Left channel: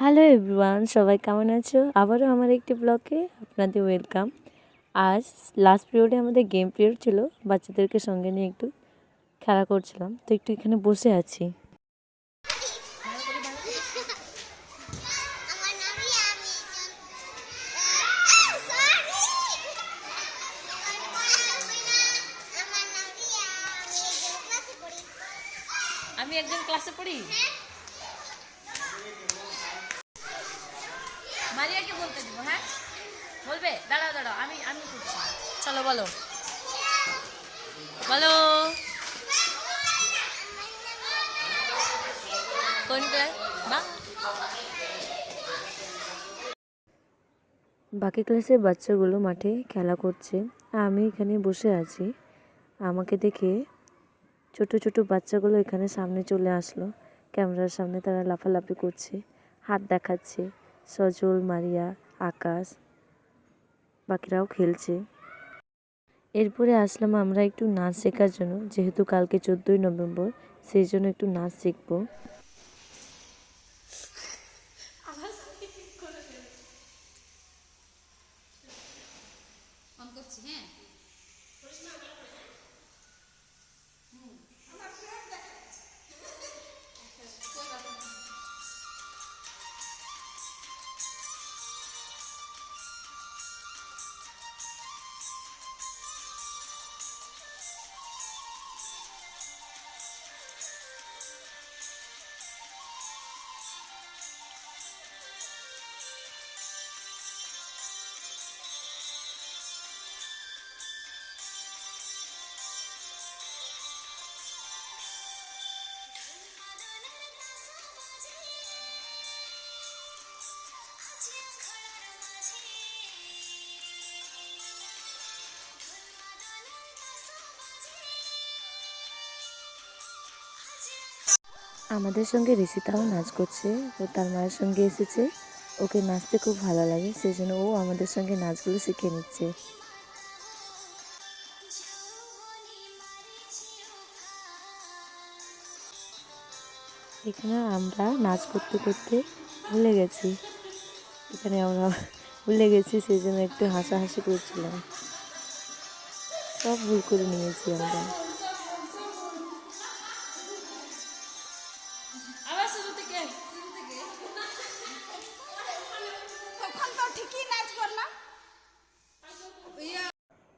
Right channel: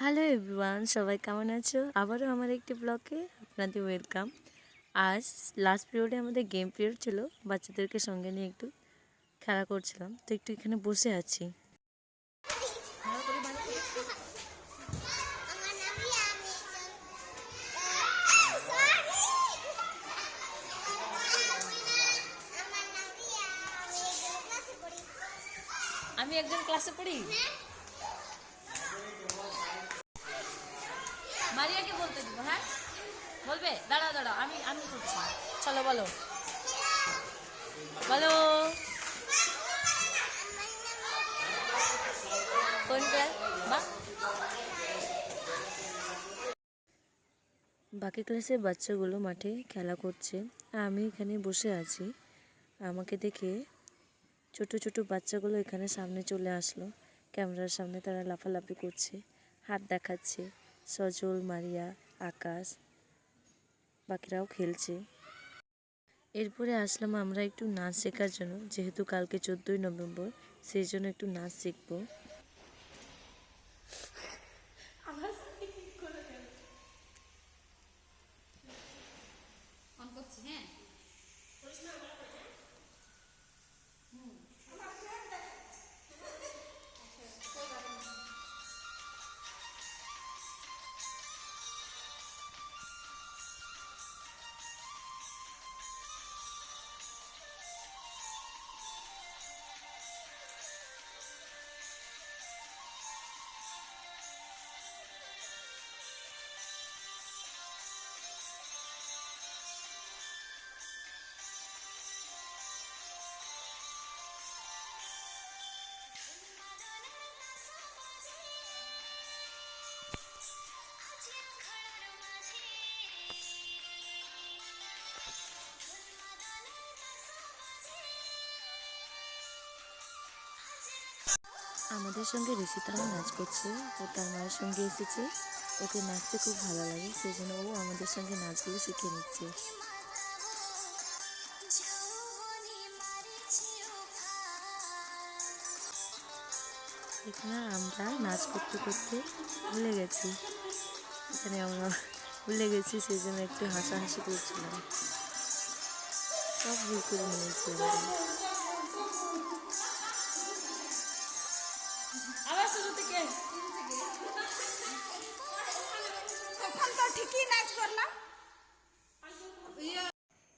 Hello everyone সবাই কেমন আছো? আবারও আমার একটি ব্লগে আপনাদের ওয়েলকাম আজ লাস্ট পিরিয়ডে আমাদের গেম পিরিয়ড ছিল। বাচ্চাদেরকে সঙ্গে নিয়ে একটু খেলা করছিলাম। তো একটু এখানে বসে আছি। আমি একজন ক্লাসে পড়ি। মারিয়াকে বলতে দিব হ্যাঁ? বলবে? দাঁড়াও দাঁড়াও, আমি আমি করছি। চলো, বলো। বলো। বাকি ক্লাসের বাচ্চাগুলো মাঠে খেলা করছে, আমি এখানে বসে আছি। আমাকে দেখে ছোট ছোট বাচ্চাগুলো এখানে সামনে চলে আসলো। ক্যামেরার সামনে তারা লাফালাফি করছে, হাত দেখাচ্ছে। সজল, মারিয়া, আকাশ, বাকিরাও খেলছে। এরপরে আসলাম আমরা একটু নাচ শেখার জন্য, যেহেতু কালকে চোদ্দোই নভেম্বর, সেই জন্য একটু নাচ শিখব। আমাদের সঙ্গে ঋষিতাও নাচ করছে। ও তার মায়ের সঙ্গে এসেছে। ওকে নাচতে খুব ভালো লাগে সেই জন্য ও আমাদের সঙ্গে নাচগুলো শিখে নিচ্ছে। এখানে আমরা নাচ করতে করতে ভুলে গেছি। এখানে আমরা ভুলে গেছি সেই জন্য একটু হাসাহাসি করছিলাম। সব ভুল করে নিয়েছি আমরা। তো ঠিকই নাচ করলাম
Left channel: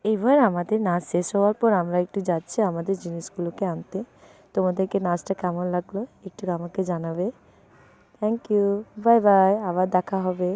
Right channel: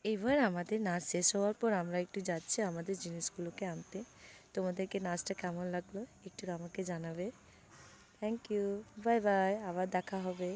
এবার আমাদের নাচ শেষ হওয়ার পর আমরা একটু যাচ্ছি আমাদের জিনিসগুলোকে আনতে। তোমাদেরকে নাচটা কেমন লাগল একটু আমাকে জানাবে। থ্যাংক ইউ বাই বাই আবার দেখা হবে।